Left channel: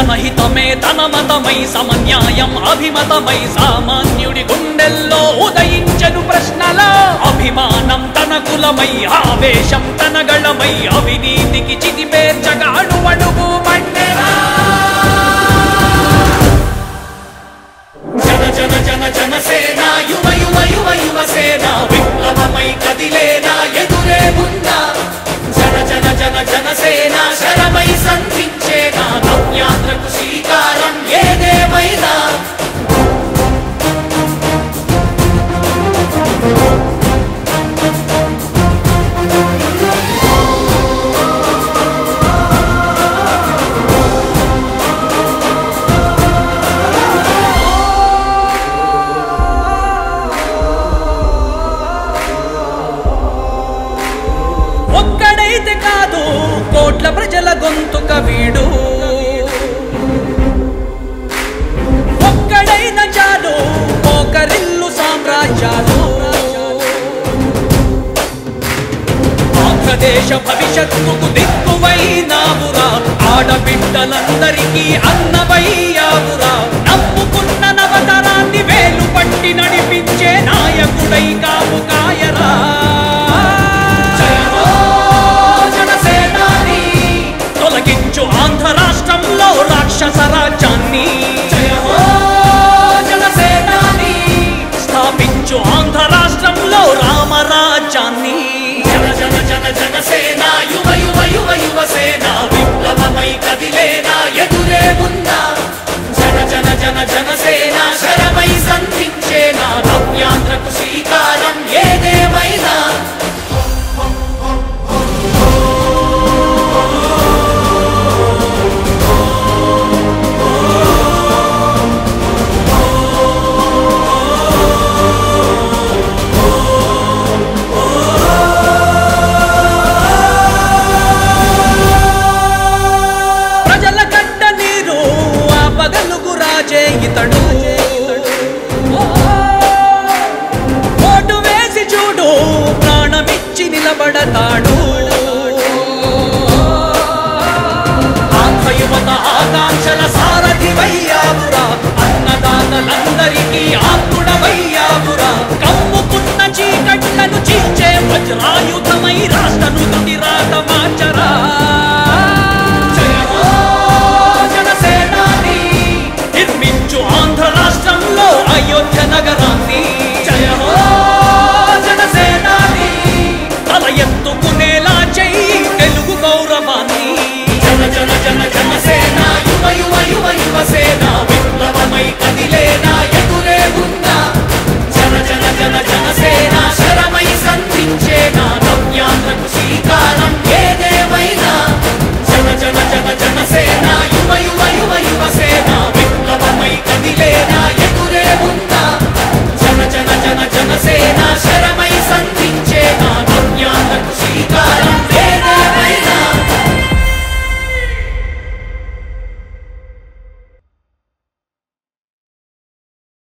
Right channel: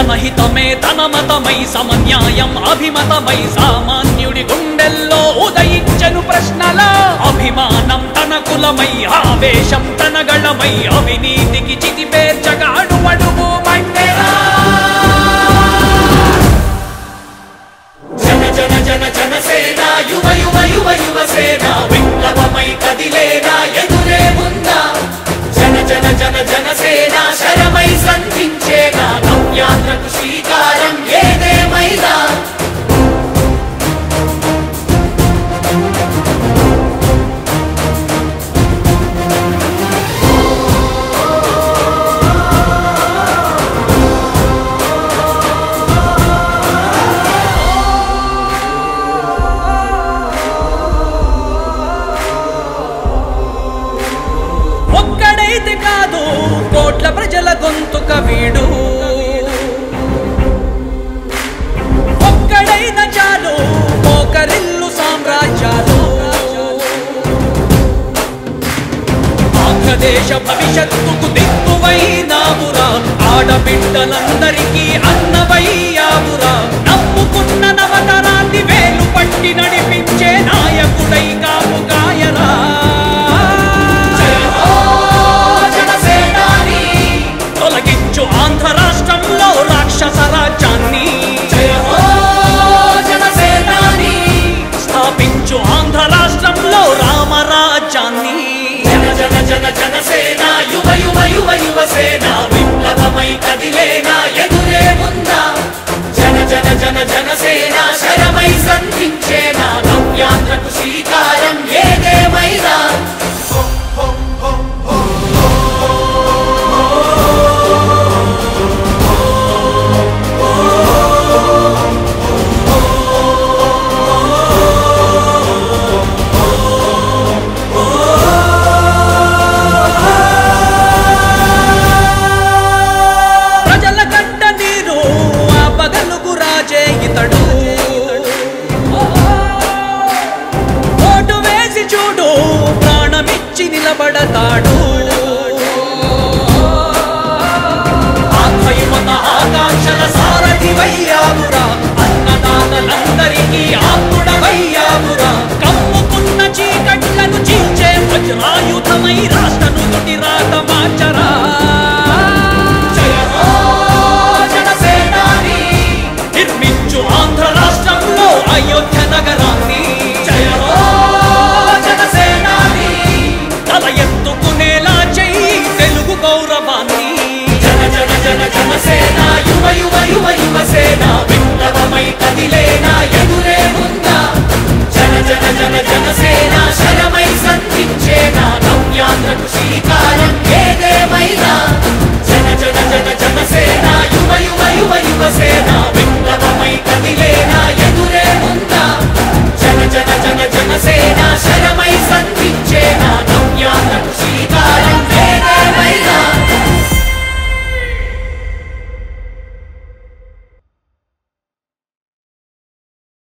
జనహితమే తన మతమై సమన్యాయం అభిమతమై సామాన్యుడి గుండెల్లో ఉదయించెను ప్రశ్నల అభిమానం తన కులమై ఆవేశం తన గళమై అవినీతికి చితిపేర్చగా అడువడుగు మండెరా జన జన జన జనసేన యువ యువ యువ యువసేన విప్లవమై కదిలేనా ఎదురే ఉందా జన జన జన జనసేన శరమై సంధించేనా నవ్యాంధ్రకు శ్రీకారం ఏదేమైనా ఒక్కడైతే కాదు కోట్ల ప్రజల గొంతుక వీడు ఒక్కడైన చాలు మోకరిల్లు సామ్రాజ్యాలు ఆంధ్రదేశ భవిష్యత్తుకు దిక్కువైనావురా ఆడబిడ్డలందరికీ అన్నవయ్యావురా నమ్ముకున్న నవతరాన్ని వేలు పట్టి నడిపించే నాయకుడై కాపు కాయరా తొలగించు ఆంధ్ర రాష్ట్రంలో రాక్షస రాజ్యాన్ని జయ హో జనసేనాని స్థాపించు ఆంధ్ర రాష్ట్రంలో రామరాజ్యాన్ని జన జన జన జనసేన యువ యువ యువ యువసేన విప్లవమై కదిలేనా ఎదురే ఉందా జన జన జన జనసేన శరమై సంధించేనా నవ్యాంధ్రకు శ్రీకారం ఏదేమైనా పగలుగు రాజే ఇతడు ఓటు వేసి చూడు ప్రాణమిచ్చి నిలబడతాడు ఆత్మయువత ఆకాంక్షల సారథివయ్యావురా అన్నదాతలందరికీ ఆత్ముడవయ్యావురా కమ్ముకున్న చీకట్లను చీల్చే వజ్రాయుధమై రాష్ట్రను తుటి రాత మార్చరా నిర్మించు ఆంధ్ర రాష్ట్రంలో అయోధ్య నగరాన్ని జయ హో జనసేనాని తల ఎత్తుకునేలా చెయ్యి తెలుగు గౌరవాన్ని జన జన జన జనసేన యువ యువ యువ యువసేన విప్లవమై కదిలేనా ఎదురే ఉందా జన జన జన జనసేన శరమై సంధించేనా నవ్యాంధ్రకు శ్రీకారం ఏదేమైనా జన జన జన జనసేన యువ యువ యువ యువసేన విప్లవమై కదిలేనా ఎదురే ఉందా జన జన జన జనసేన శరమై సంధించేనా నవ్యాంధ్రకు శ్రీకారం